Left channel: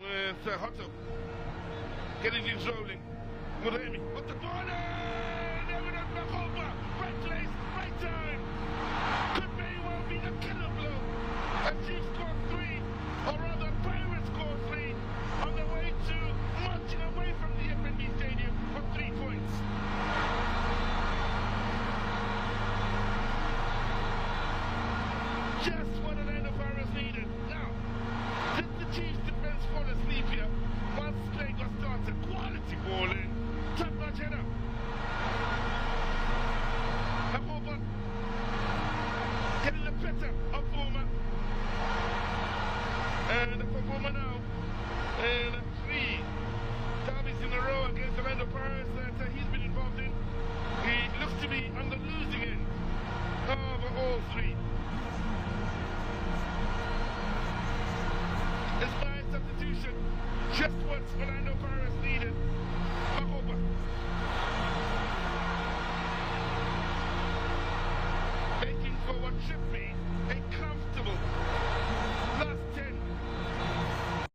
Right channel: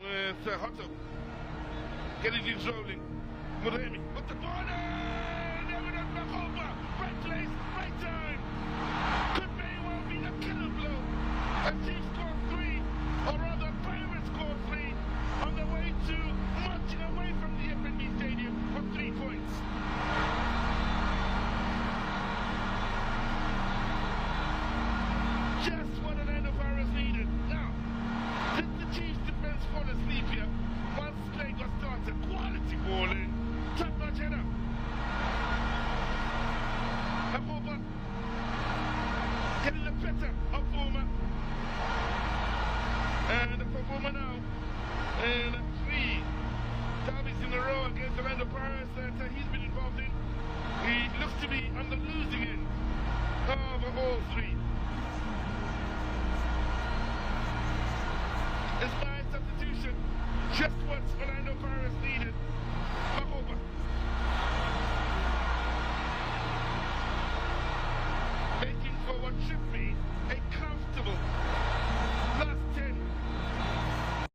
with Hotto. Getting things rolling. Muremi, what the ball? Never done back over. Right place, right time. Could very well be the killer blow. And Chiefs score 3, or rather Pirates score 3, on the way to marching away from the FNB Stadium for 3 points. Just what Orlando Pirates needed. Now, did the Chiefs defense fall asleep here? Once play got started, quality ball in. Top notch header. Hakoba getting the better of Boma. And for Boma now, and 3 derbies in a row against Orlando Pirates that he's been involved in. He looks to be on the losing end of all 3. Inspired substitution, just what Orlando Pirates needed. Mahoba. Making for what should be